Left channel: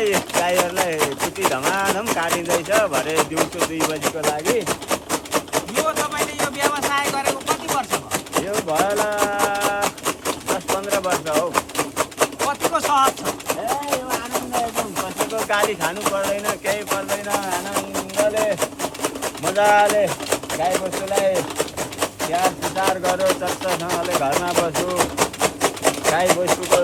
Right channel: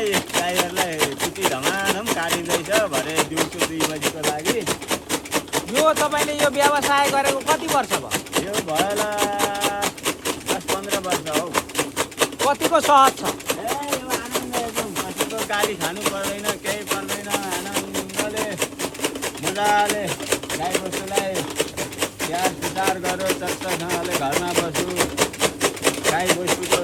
गाईहरूलाई कुटी धमाधम काटिँदैछ भरे दिउँसो 2 बजीको लागि। यो तपाईँले यो व्यवसाय गरेको कति वर्ष भयो? यो भयो होला 10-15 वर्ष हौ। कतिको सहज छ? यो आनन्द एकदम, कसैको गाली खानु पर्दैन, केही पर्दैन। आनन्दले मजाले गाईबस्तुलाई स्याहार सुसार गऱ्यो, चट्टसँगले घरमा बस्यो। गाईबस्तुको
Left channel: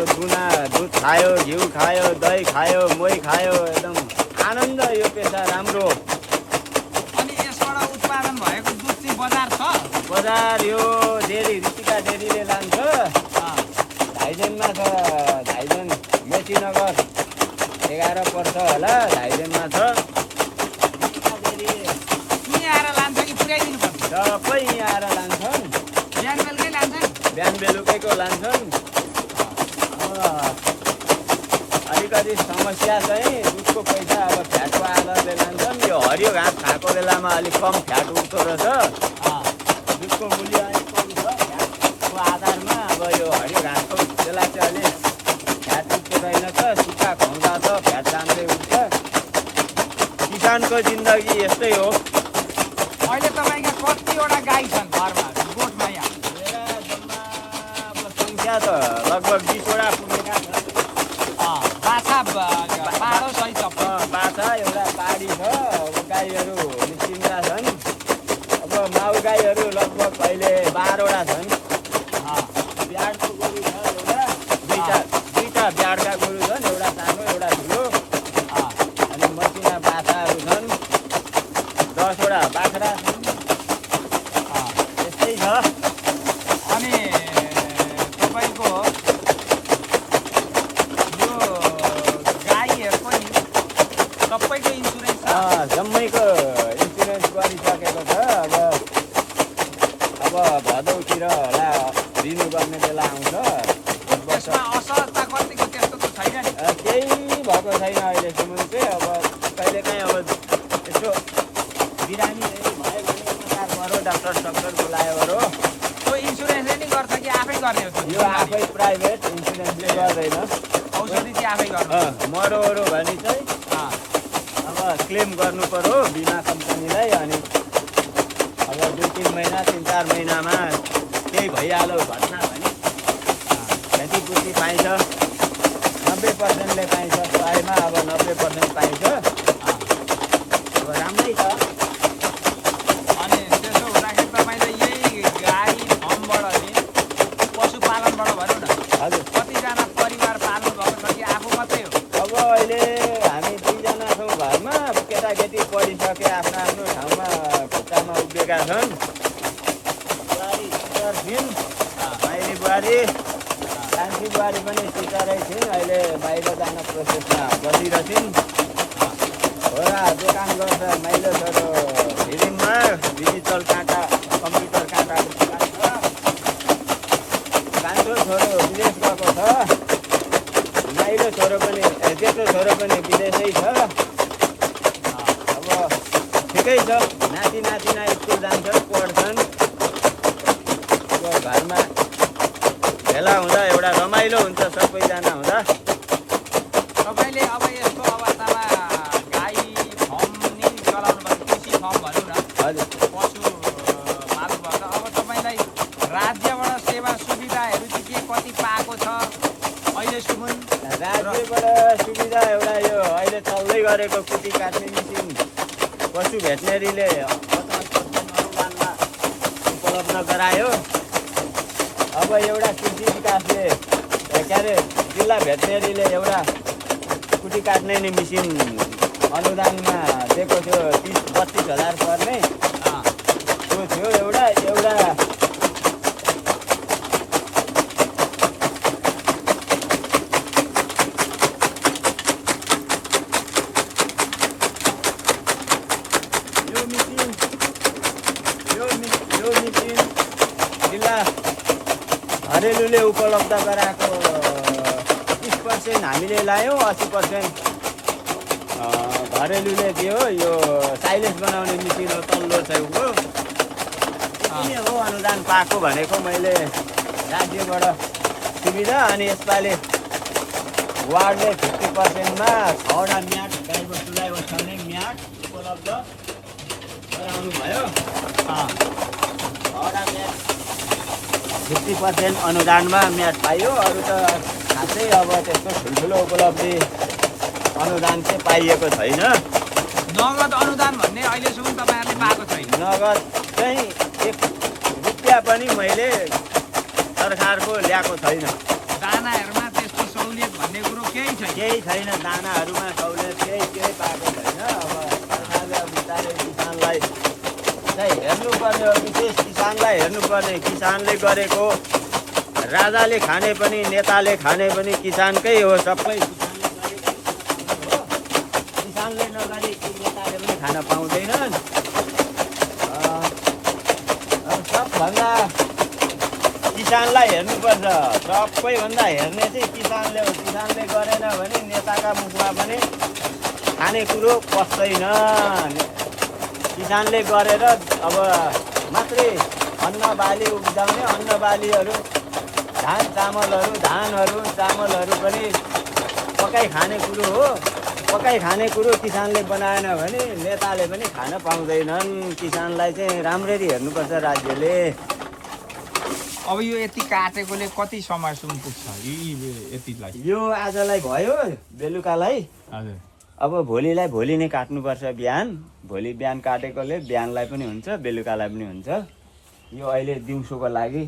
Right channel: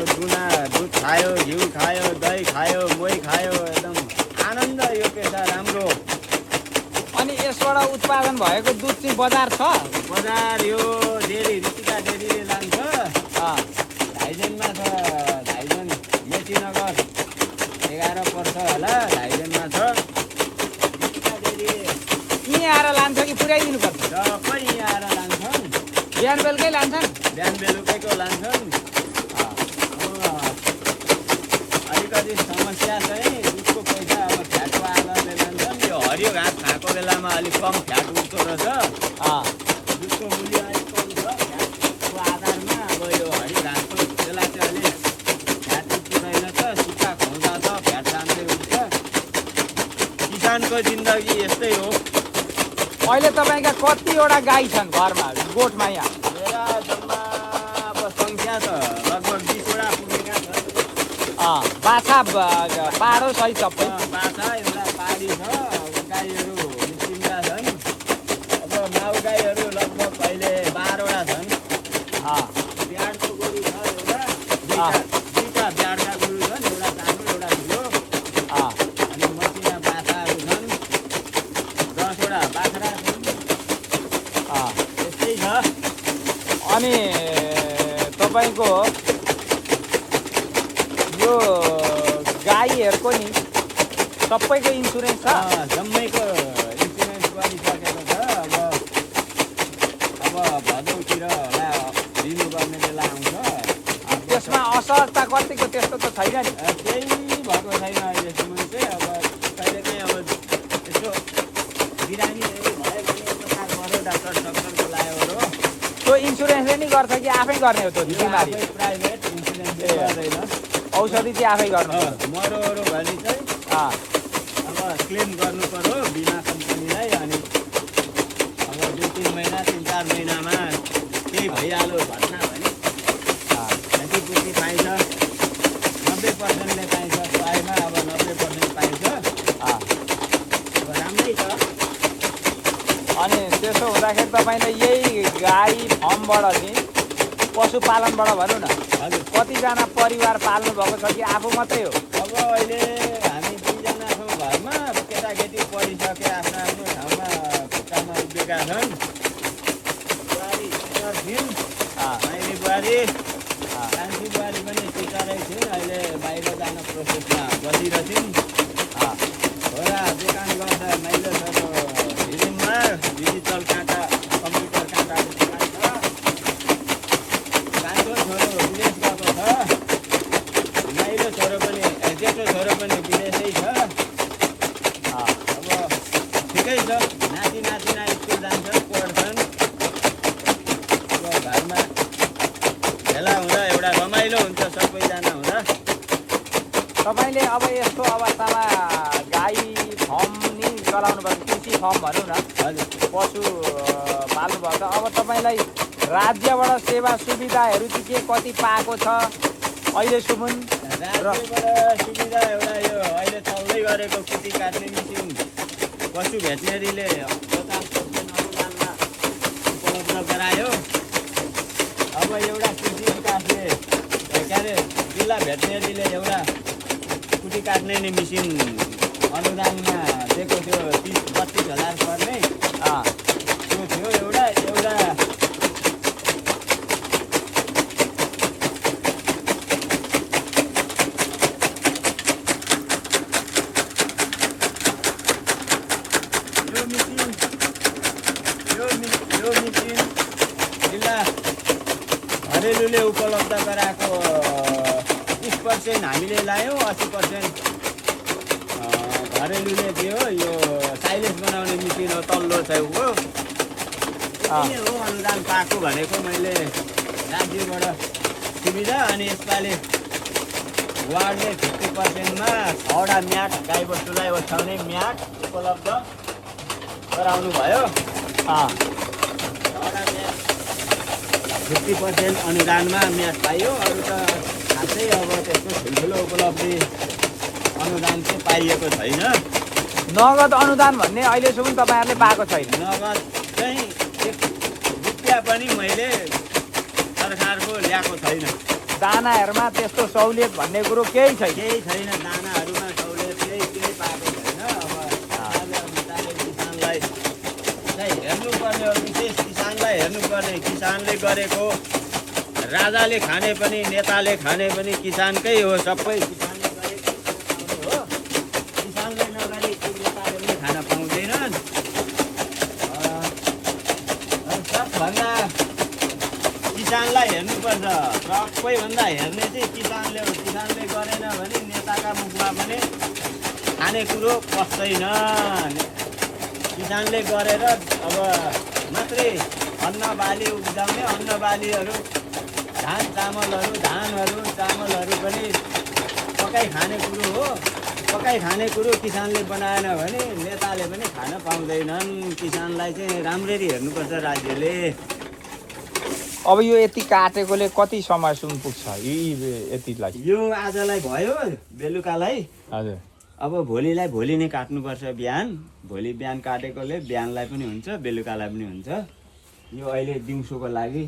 दुध खायो, घिउ खायो, दही खायो, मोही खायो। एकदम आनन्द यो पेसा राम्रो। अनि यसबाट उत्पादन भएको दुध चाहिँ बजार छ? बजार यो डेरी ऋतिका डेरीले लान्छ। धाइजेनमा छ, धाइजेन मेचीनगर 11 पर्छ होला, धाइजेनमा छ ऋतिका डेरी। यहीँ आएर लान्छ कि पुऱ्याइदिनुपर्छ? सबै यहाँ आएर लान्छन्। बिहान बेलुकै लान्छन्? बिहान बेलुकैको लान्छन्। अलिकति समस्या चाहिँ दुधको पैसा अब फ्याटको आधारले लान्छन्। यो हरियो घाँस खाएको बेलामा अलिक कम फ्याट उठ्दो रहेछ। दुधको मूल्य अलिक कम छ फ्याटको आधारमा। अब यो हरियो घाँसको त्यसलाई चाहिँ अलिक फ्याट उठ्दो रहेनछ। सुक्खा खुवाउँदा त फ्याट राम्रै उठ्छ। किसानको जिन्दगी यस्तै हो। अहिले तपाईँका कतिवटा गाई छन् घरमा, गोठमा यहाँ? अब सङ्ख्या त लगभग 20वटा पुगेका छन्। बाह्र सहित बाछा एउटा पाडी छ। अब गाईहरू निस्किँदा छन्। अब माउ गाईहरू लगभग अहिले 12वटा छन्। ब्याडको गोरु छ एउटा, दुईटा ब्याडका गोरु छन्, एउटा सानो एउटा ठुलो। अनि मसिना बाछाहरू छन् 10वटा बाख्रा छन्। यस्तै छ। अनि तपाईँको यो गाईहरूको नि सबैको इन्सुरेन्स छ? जम्मैको इन्सुरेन्स गरिसकेको छ। अब भदौतिर होला दिनुपर्ने बेला आउँछ। त्यसमा असहजता कतिको त्यस्तो त छैन नि? केही भएको छैन अहिलेसम्म चाहिँ। अब कहिलेकाहीँ अब यसो बिरामीहरू भयो भने उपचार गऱ्यो, डाक्टर बोलायो गऱ्यो। त्यो इन्सुरेन्सले नि गर्छ कि आफै गर्ने हो? यो आफै प्राइभेट इन्सुरेन्सले गर्दैन। औषधि चाहिँ आफै गर्छ? मरोहरू भने चाहिँ अब क्लेम गर्नु पर्यो बिमा कम्पनीलाई। अनि अब 2-3 महिना 3-4 महिनामा केही भइहाल्यो घटना भने क्षतिपूर्ति पाइन्छ। 90%ले पाइन्छ प्रायमा। अब 90% पाइन्छ। अब राम्रै छ। अनि त्यसो हुँदाखेरि तपाईँलाई यही गाई फार्मबाट चाहिँ पशुपालनबाट भनौँ न, हजुर। कतिजना परिवार पाल्नु भएको छ कि आफू मात्रै हो? अब अहिले हामी 2जना छौँ घरमा। अब केटाकेटी पढिसके आफ्नो आफ्नो ठाउँमा खुट्टामा उभिएका छन्। बुहारी टिचर थिइन्, माइली बुहारी। कान्छी बुहारी पनि टिचरै थिइन्, अहिले बाहिर जान प्रोसेसमा बसिरहेछिन्। छोरा दोकान गर्छ माइलो छोरो फिल्ममा, डिजिटल काँटा कम्प्युटर काँटाको दोकान छ। कान्छो छोरो विदेश गएको छ। माइलो छोरो पनि जेठो छोरो पनि विदेशै छ। अब ठिकै छ। नाति नातिना स्कुल जान्छन्, पढ्छन्। अब घरमा भेला हुँदा एउटा रमाइलो हुन्छ सबैजना हुँदा। तपाईँले अब यस्तो अवस्थामा गाई फार्म नि चलाउनु भएको, कृषि फार्म भनौँ न, हजुर। पशु पाल्नु भएको छ। अब तपाईँलाई राज्यबाट सेवा सुविधाहरू चाहिँ के कति पाएको छ अहिलेसम्म? राज्यबाट सुविधा एउटा यो अहिले चल्दै गरेको कुटी काट्ने मेसिन पशु भेटनेरीले 50% अनुदानमा उपलब्ध गरायो। अब एउटा कृषि विकासले के अरे जिल्ला भेटनेरीले एउटा कुटी काट्ने नि मेसिन अनुदानमा दिएको थियो। 30-32 हजार पर्ने त्यो थियो एउटा। यो मेसिन जिल्ला घरेलुले उपलब्ध गराएको 30% हामीले लायौँ, 80% घरेलुले दियो। यो साइलेज बनाउने मेसिन हो, तल्लो छेउको। यति हो अनुदान पाएको भनेको मैले राज्यबाट सुविधा। अनि यसपालि वार्डले 50%मा 6वटा म्याट गाईबस्तुलाई ओछ्याउने म्याट उपलब्ध गराउनु भयो। 6वटा म्याट 50% अनुदानमा म्याट पाइयो। अरू त खासै अब त्यस्तो ठुल्ठुलो उपलब्धि अनुदान चाहिँ पाइएको छैन। नगद अनुदान भन्ने अहिलेसम्म तपाईँहरूले पाएको छैन। नगद चाहिँ 1 रुपियाँ पनि मैले सरकारको ल्याएको छैन। दानाहरूमा त्यस्तो सहुलियत भन्ने कुरो केही छैन। केही छैन, दानाहरूमा सहुलियत केही पाएको छैन। अब सरकारले बिस्तारै किसानलाई चाहिँ हेर्नुपर्ने हो, विशेष किसानलाई हेर्नुपर्ने। किसानले गरेको राजाले खाने पनि नेताले खाने पनि किसानकै हो। सबै किसानले गरेको हो, किसानले नगरी नेताले पनि खान पाउँदैनन्। सबभन्दा किसानलाई हेर्नुपर्छ। सबैभन्दा हेर्ने चाहिँ किसानले हो। किसानले गरेन भने नेताका मुखमा पनि खाने कुरो पस्दैन। किसानले गरेर अब मात्रै अन्न बाली उब्जाउने, अन्न बालीहरू धानहरू चामलहरू पनि पकाइ खाने कुरो हो। पकाइ खाने कुरो किसानले बनाएन भने नेताले पनि खान पाउँदैनन्। किसानलाई चाहिँ राम्ररी हेर्नुपर्छ राज्यले। अब यो यति काटेकोले कति समयसम्म पुग्छ यतिलाई? यो आजलाई भयो, बेलुकालाई। हजुर। अब भोलिलाई भोलि नै काट्नुपर्छ बिहान। भोलि बिहान काटेकोले बिहानलाई पनि हुन्छ, बेलुकालाई पनि हुन्छ। यो अहिले दिउँसोको लागि,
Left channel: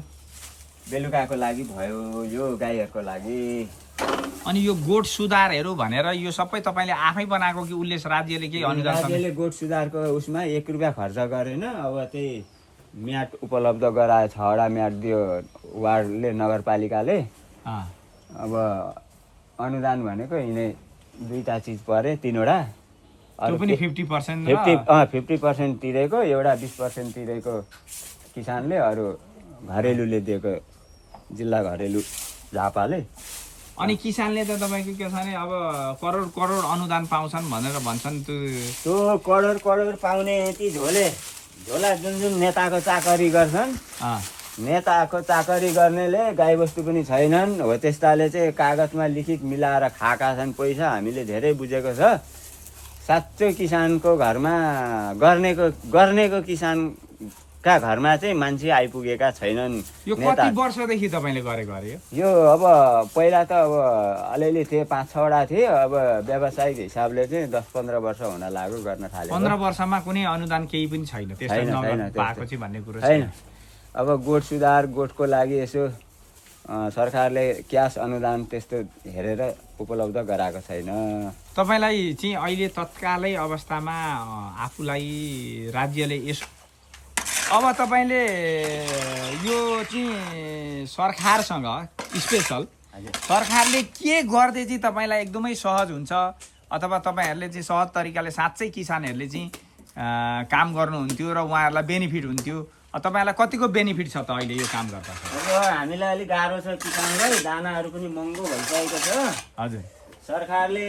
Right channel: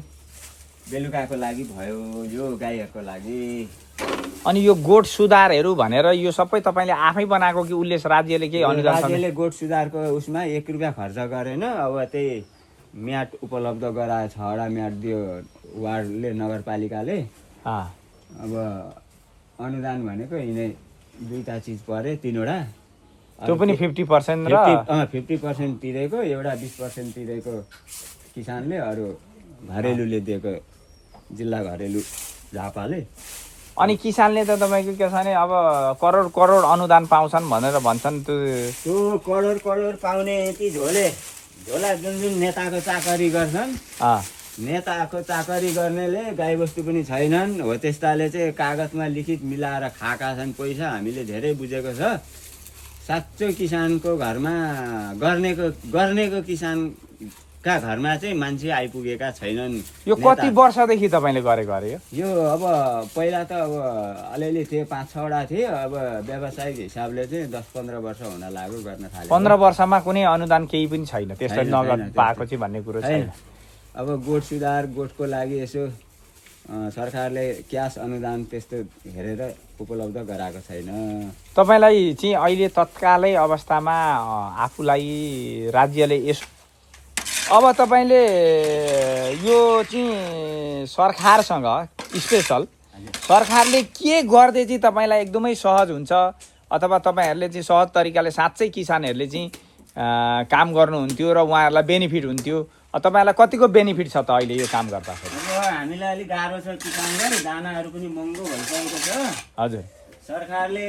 बेलुकाको लागि भयो, यो गाईहरूको लागि। अनि यो गोठ सुधारहरू भनेर यो सबै तपाईँले आफै बनाएको कि उसले राज्यले केही अनुदान? राज्यले गोठ सुधारको उसमा 1 रुपियाँ खर्च गरेन। अब त्यही म्याट उपलब्ध गरायो, 6वटा म्याट दियो वार्डले, नगरपालिकाले। अब अनुदान भनेको यिनै 2टा चिज परे, 3वटा। त्यो पनि 50%? 50% तिरेको, एउटा 20% तिरेको किसानले, अरू घरेलुले दिएको, जिल्ला घरेलु झापाले। अनि किसानले त तपाईँको के छ भने अब करोड अनुदान पाउँछन् भनेर भन्छन्। त्यो करोड पाउने यति झोला जुन नेताको चाकरी गर्छन्, नेताको चाकरी गर्नेले गाईबस्तु पनि छैनन् हो। त्यस्ताले चाहिँ कागजमा लिखित मिलाएर खाएका छन् पैसा। हामीले धेरै बुझेको छ। साँच्चो किसानको घरमा गर्नेको किसानका घरमा चाहिँ मान्छे आइपुगेका छैनन्। यो कति वर्षदेखि तपाईँले गरेको अरे? यो अब पहिला त अब अलिअलि थिए, 5-6वटा थिए। अब व्यावसायिक हिसाबले चाहिँ 10-15 वर्ष हुन लाग्यो गर्न थाले। 15 वर्षमा कुनै अनुदान केही पनि छैन पाएको चाहिँ भन्ने कुरो छैन। अब गोठ सुधार, गोठको लागि यसो सरकारले क्यास अनुदान त्यस्तो हेरेर उपलब्ध गराएको छैन। तपाईँलाई चाहिँ अहिले तत्कालै अवस्थामा आफूलाई राज्यले अब तपाईँले यो चाहिँ सरकारसँग स्पेसल सरकारले के गर्दै चाहिँ तपाईँलाई एकदमै सहज हुन्छ, अथवा तपाईँहरूले चाहिँ सहज तरिकाले साँच्चै किसानहरूले चाहिँ काम गर्नुहुन्थ्यो र उहाँहरूलाई बेनिफिट हुन्थ्यो? तपाईँलाई कतिको बेनिफिट छ त अहिले यो काम गर्दा? अब हामीलाई अलिक गाह्रो छ किसानलाई, दानाहरू पनि महँगो भइसकेको छ। हजुर। सरकारले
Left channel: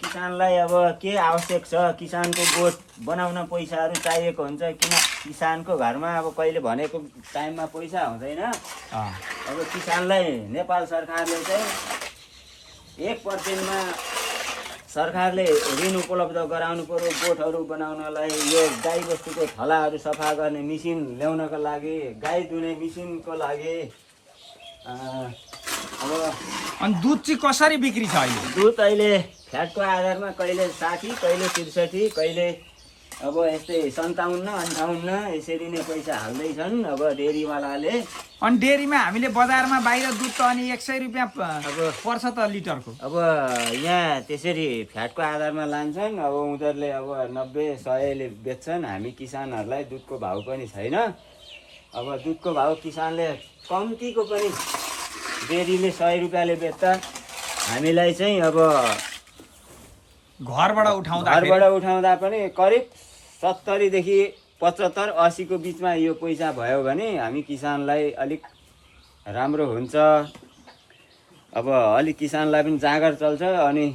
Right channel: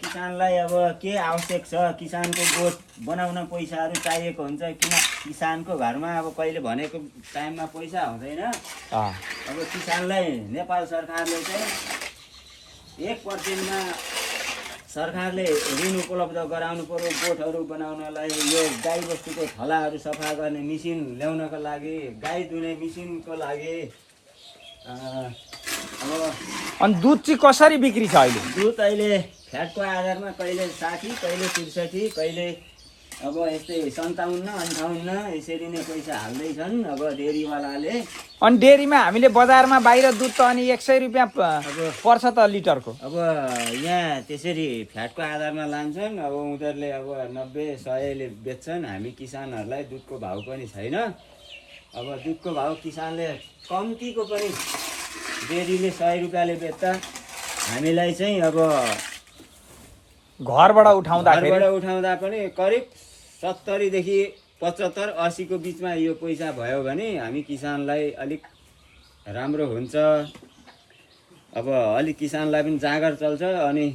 किसानलाई अब के आवश्यक छ, किसानको गोठ बनाउन पैसाहरू चाहिएको हुन्छ। किन किसानको घरमा अब कहिले भनेको टाइममा पैसा हुँदैन। अब किसानलाई नेपाल सरकारले चाहिँ 1%मा सरकारले ऋण उपलब्ध गराउनु पर्यो गोठहरू बनाउनलाई। यो गाईबस्तुको थलाहरू सफा गर्ने मिसिन ल्याउनको लागि, गाई दुने मिसिनको लागि। अब अनि दुध चाहिँ कसरी बिक्री छ अहिले? दुध अहिले फ्याटको आधारमा कहिले 60, कहिले 63, कहिले अब यस्तै 57-58 यसरी नै पैसा हाल्दैछन् अब डेरीवालाले। अनि डेरीमा हामीले बजारमा बाहिर दुध त अनि 100 रुपियाँ अब पर्छ त लिटरको। अब यहाँ त्यसरी फ्याटको आधारमा लान्छन्। अब उनीहरूले अब 90-100ले बेच्छन्। हामी किसानहरूलाई दुधको भाउ पनि छैन। अब दुधको भाउ किसानले कम्तीको पनि डेरीले 100 रुपियाँले बेच्दा हामीलाई चाहिँ अब घरबाट उठाउँदा पनि करिब 70 देखि 75-80 को बिचमा यो पैसा भयो भने हामी किसानलाई अलिक राम्रो हुन्छ। अब अलिक किसानलाई पनि जाँगर चल्छ। अनि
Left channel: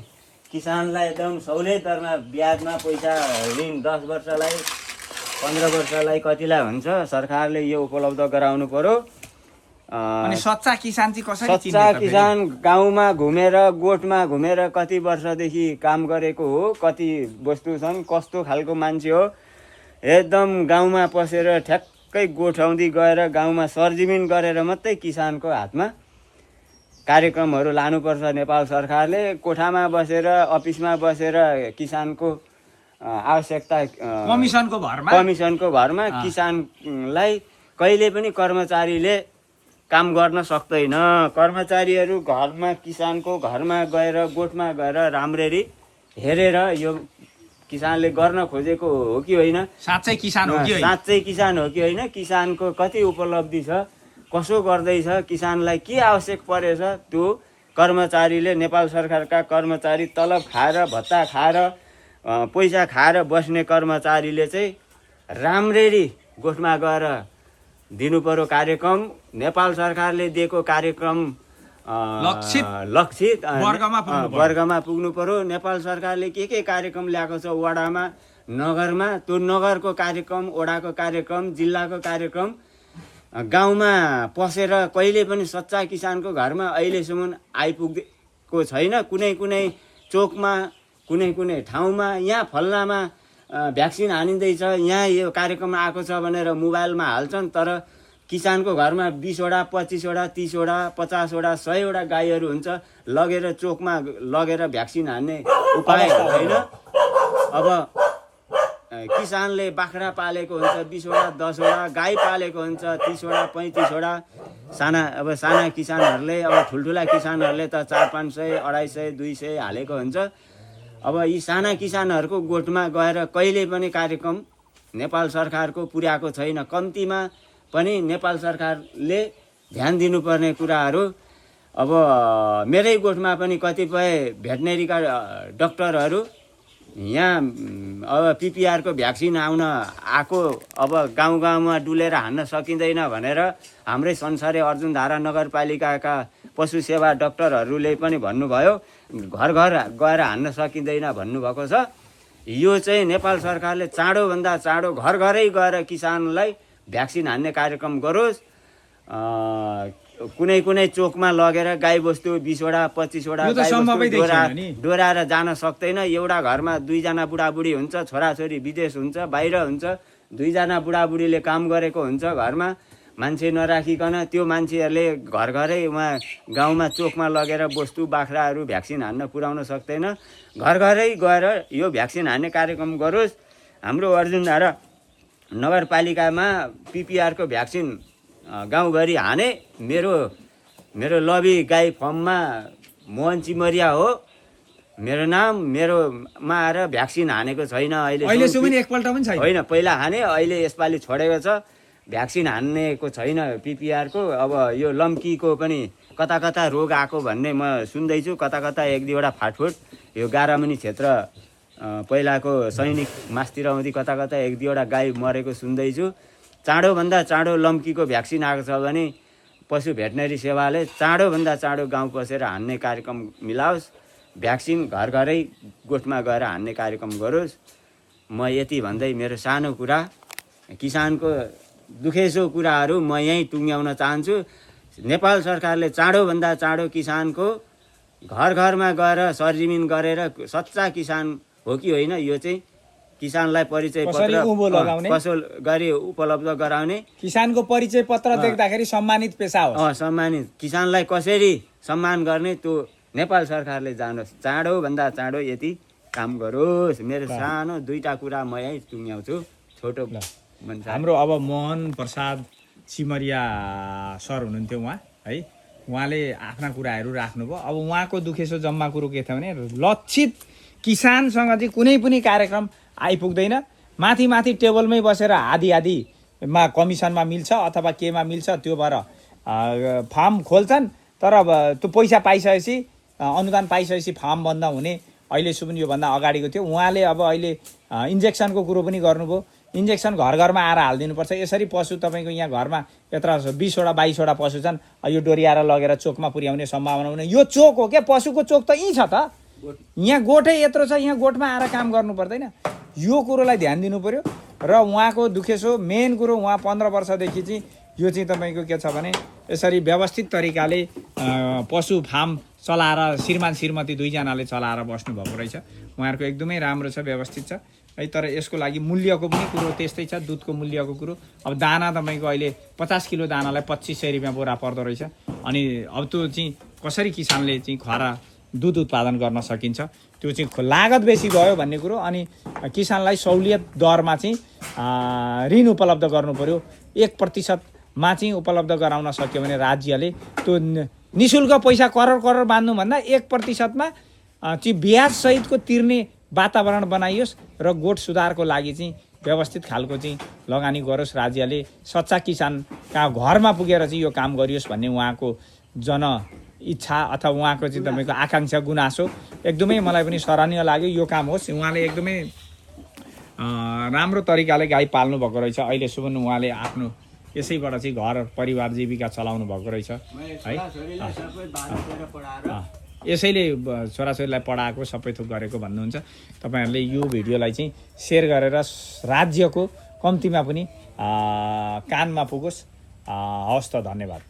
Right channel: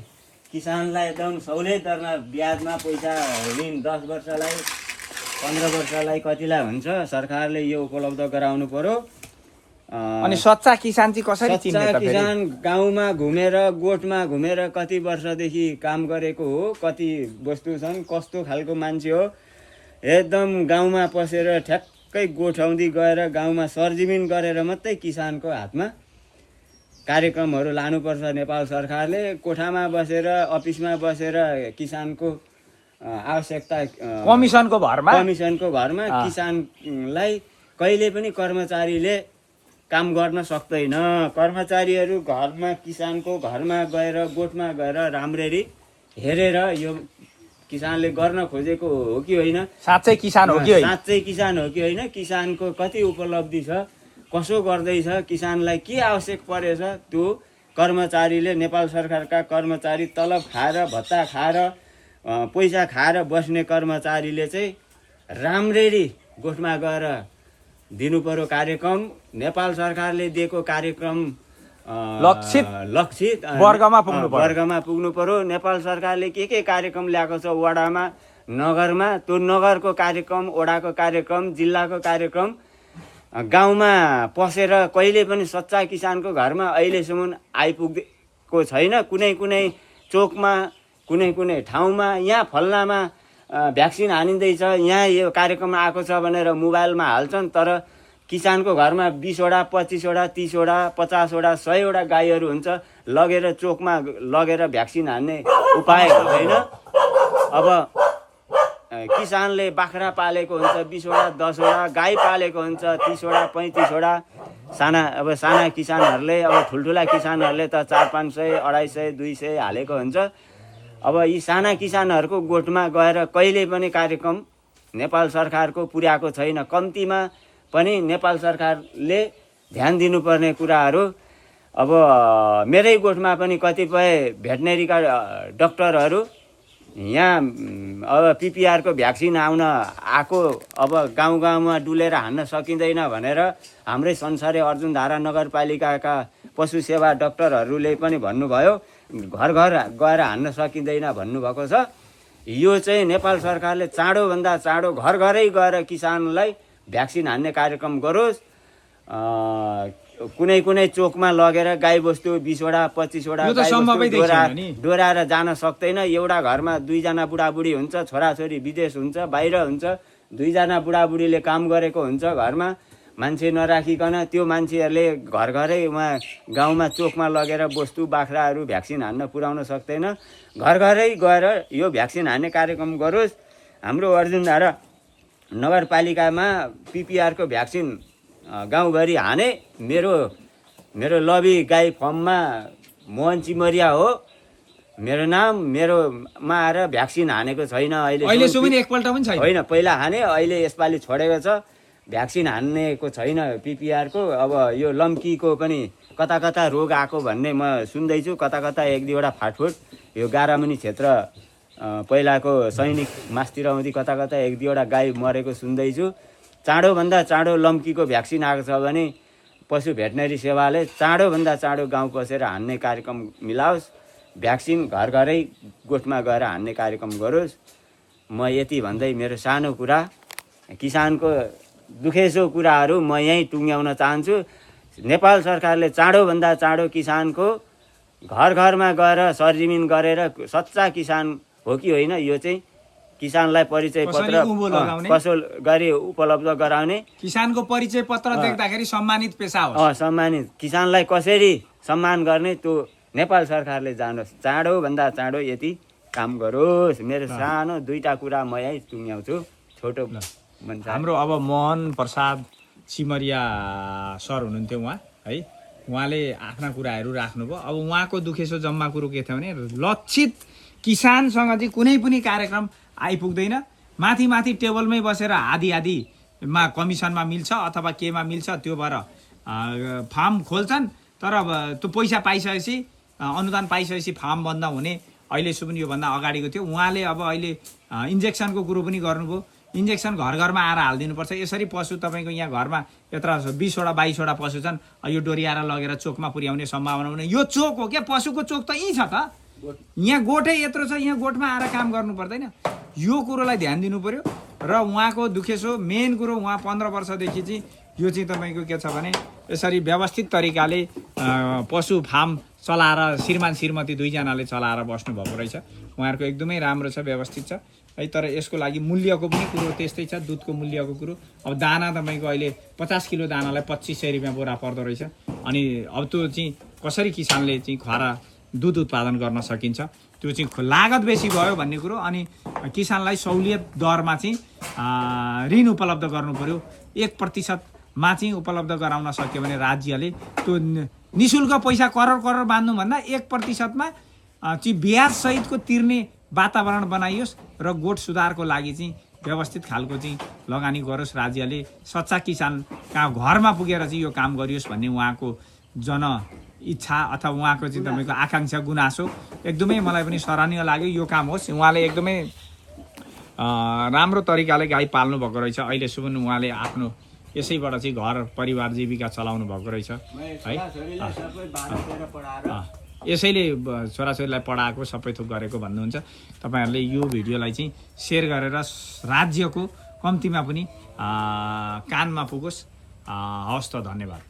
किसानलाई एकदम सहुलियत दरमा ब्याजमा पैसा ऋण 10 वर्षलाई 15 वर्षलाई कतिलाई हुन्छ सरकारले यो उपलब्ध गराउनु पर्यो। अनि सच्चा किसान चाहिँ कसरी चिन्ने सच्चा त फेरि? किसान गाउँमा घुमेर गोठमा घुमेर कति वर्षदेखि काम गरेको हो, कति वस्तु छन्, कस्तो खालको मान्छे हो, एकदम गाउँमा पसेर ठ्याक्कै गोठाउँदै गएर गाउँमा सरजिमिन गरेर मात्रै किसानको हातमा कार्यक्रमहरू लानुपर्छ। नेपाल सरकारले कोठामा बसेर अफिसमा बसेर किसानको आवश्यकता कमिसनको भरमा किसानलाई कहिले पनि कर्मचारीले काम गर्न सक्दैन। कर्मचारीहरू घरमा किसानको घरमा गएर गोठमा गएर राम्ररी हेरेर यो किसानले गर्न खोजेको हो कि होइन, साँच्चै किसान हो कि होइन, साँच्चै किसान हो कि होइन, किसानको कति उपलब्धि छ, कसो गर्दैछ, किसानलाई के आवश्यक परेछ, त्यो कर्मचारीले नेपाल सरकारका कर्मचारी तलब खाएर भत्ता खाएर पैसा खाएर बस्ने कर्मचारीले चाहिँ राम्ररी गोठमा गएर दिनु पर्यो कार्यक्रम। नेपाल सरकारले दिएको कार्यक्रम लक्षित वर्गमा पुग्नु पर्यो। नेपाल सरकारले के कार्यक्रम ल्याएको छ वडामा नगरमा, त्यो नगरको कार्यक्रम, वडाको कार्यक्रम, जिल्लाको कार्यक्रम गाउँमा पसेर कहिले पनि सच्चा किसानको घरमा अहिलेसम्म आइपुगेको छैन। कुनै कुनै चोकमा, कुनै कुनै ठाउँमा यहाँ फल्नामा भ्याक्सिन हानिँदैछ, यहाँ यो कार्यक्रम आएको छ भनेर मोबाइलमा हाल्छन्, तर किसानको घरमा 20वटा 25वटा 30वटा 50वटा 100वटा गाईहरू हुन्छ, लगेर चोकमा लगेर भ्याक्सिन हान्ने उपाय हुँदैन। अब किसानले बाख्रा पालेको हुन्छ 20वटा 10वटा, गाई पालेको हुन्छ 30वटा 35वटा। साना किसानहरूले, अब ठुल्ठुला किसानहरूले त 400-500 250 200 हालेको हुन्छ। अब यी साना किसानहरूको गोठमा गएर कहिले पनि कार्यक्रम नेपाल सरकारको पुर्याएको छैन। कम्तीमा पनि नेपाल सरकारले ध्यान दिनुपर्ने कुराहरू, अब मेरै गोठमा पनि कतिपय भेटनेरीका डाक्टरहरू यहाँ अब पिपिआरको भ्याक्सिन आउन आएको, अब गाउँ गाउँमा डुलेर हान्न सकिँदैन भनेर हाम्रै संसारे अर्जुनधारा नगरपालिकाका पशु सेवा डाक्टरहरूले पनि भन्नुभयो, घर घर गएर हान्न सकिँदैन भन्नुभएको छ। यो चाहिँ नेपाल सरकारले चाँडोभन्दा चाँडो घर घरै गएर किसानलाई भ्याक्सिन हान्ने कार्यक्रम गरोस्। कुनै कुनै चोकमा लगेर गाईबस्तु 20वटा 25वटा गाईबस्तु डोराएर जान सक्दैन। एउटा घरमा 2जना बुढाबुढी हुन्छ, छोराछोरी विदेश हुन्छ, बाहिर हुन्छ, 2जना बुढाबुढीले काम गरेको हुन्छ घरमा, मान्छे नराखिकन त्यो मान्छेहरूले घर घरै उहाँ गाउँमा चोकमा लगेर बस्तु बाख्राहरू भ्याक्सिन हान्न पुर्याउन सक्दैन। घर घरै गएर यो भ्याक्सिन हान्ने कार्यक्रम गरोस्। हाम्रो अर्जुनधारा नगरपालिकामा पिपिआरको भ्याक्सिन गाउँभरि हाने। मेरो लबी गाई फर्ममा मोहन चिमरिया हो मेरो नाम। मेरोमा आएर भ्याक्सिन हानेको छैन अहिलेसम्म एकपल्ट पनि छैन। होइन, पहिला हाने, अहिले यसपालि छोडेको छ। भ्याक्सिन हान्नेको छैन पिपिआरको। अब यो लम्कीको पनि कता कता रोग आएको भन्ने म सुन्दैछु, कता कता 1-2वटा फाटफुट। यो गारामुनि क्षेत्र पहिलाको सैनिक मास्तिरौँदी कता कता 1-2वटा गाई मरेको सुन्दैछु। चाँडोभन्दा चाँडो लम्कीको भ्याक्सिन आएको छ भने पशु भेटनेरी सेवाले चाँडोभन्दा चाँडो गाउँ पसेर हान्ने कार्यक्रम मिलाओस्। भ्याक्सिन घर घरै गोठमा गएर हान्ने कार्यक्रम गरोस्। म यति भन्दै मेरो सानो कुरा, किसानको दुखेसो कुराहरू म यहीँ टुङ्ग्याउन चाहन्छु। नेपाल सरकारले चाँडोभन्दा चाँडो किसानको घर घरमा गएर सरजिमिन गरेर सच्चा किसान हो कि होइन, यो चाहिँ किसानलाई परिचय पत्र कसो गरी उपलब्ध गराउने, किसानको परिचय पत्र देख्दाखेरि सम्मानित पेसा हो, सम्मानित किसानलाई कसरी सम्मान गर्ने त्यो नेपाल सरकारले जानोस्। चाँडोभन्दा चाँडो यति काम गरोस्। मेरो सानो 2टा कुरा म यहीँ टुङ्ग्याउँछु। छोटो हाम्रो अब मोहन प्रसाद चिमरिया सर हुनुहुन्थ्यो उहाँ है, उहाँले आफ्ना कुराहरू राख्नुभयो। अब उहाँको दुखेसो जम्मा कुरो के थियो भने लक्षित किसानसँग चाहिँ कुनै पनि कार्यक्रम आइपुग्दैन। माथि माथि टेबलमै बसेर आधी कमिसनमा मिल्छ अथवा केमा मिल्छ, त्यो भएर फार्म खोल्छन्। तर अब त्यो पैसा पाइसकेपछि, अनुदान पाइसकेपछि फार्म बन्द हुने अहिलेसम्म योभन्दा अगाडिको थियो। उहाँले अब अहिले इन्जेक्सनको कुरो पनि गर्नुभयो। इन्जेक्सन घर घरमा आएर हालिदिनुपर्छ। यसरी पशु तपाईँको यहाँ घरमा यत्र 20वटा 22वटा पशु छन्, यो डोर्याएर लगेर चोकमा पुर्याउने सम्भावना हुने। यो चोक हो क्या, पशुको चोक त यहीँ छ त, यहाँ गोठै यत्रो छ, यहाँ गोठमा आएर काम गर्नु पर्दैन। यो कुरोलाई ध्यान दिनु पर्यो। र उहाँको दुखेसो मेन कुरो, उहाँ 15 वर्षदेखि चाहिँ यो चाहिँ तपाईँको के छ भने यसरी व्यवस्थित तरिकाले पशु फार्म चलाएर श्रीमान श्रीमती दुईजनाले चलाएर बस्नुभएको रहेछ। उहाँहरूको एकदमै राम्रो छ, व्यवस्थित छ है। तर यसको लागि मूल्यको पनि कुरो त्यस्तै छ, दुधको मूल्यको कुरो। अब दाना तपाईँको अहिले 50 किलो दानालाई 2500 रुपियाँ बोरा पर्दो रहेछ। अनि अब त्यो चाहिँ कसरी किसानले चाहिँ खरा दुध उत्पादन गर्न सकिन्छ, त्यो चाहिँ लागत बेसी भयो भन्ने कुरो। अनि किसानलाई सहुलियत दरमा चाहिँ ऋण उपलब्ध गर्नु पर्यो। 1%मा चाहिँ उपलब्ध गराउन सक्यो भने राज्यले त्यो निशुल्क पैसा करोड करोड बाँध्नुभन्दा 1%मा चाहिँ ब्याजसहितको तिर्ने वातावरण बनाइयोस् र गोठ सुधारको लागि चाहिँ व्यवस्थित खालको चाहिँ लगानी गरोस् राज्यले। सच्चा किसान कहाँ घरमा पुगेर चाहिँ यो काम गरियोस् भन्ने उहाँको जन इच्छा अथवा उहाँको चाहिँ तपाईँको आकाङ्क्षा गुनासो एकदमै मलाई पनि सराहनीय लाग्यो। यो काम होस्। उहाँले एकदमै राम्रो तरिकाले गाई पाल्नु भएको रहेछ। अहिलेसम्म उहाँले आफ्नो यसैबाट चाहिँ घर परिवार जीविका चलाउनु भएको रहेछ है। यसैले छोराछोरीलाई पढाएको सबै थोक गरेको भन्नुहुन्छ। तपाईँहरूले यो भिडियोलाई चाहिँ सेयर गरेर राज्यको कम्तीमा पनि कानमा पुगोस्। हवस् त, धन्यवाद।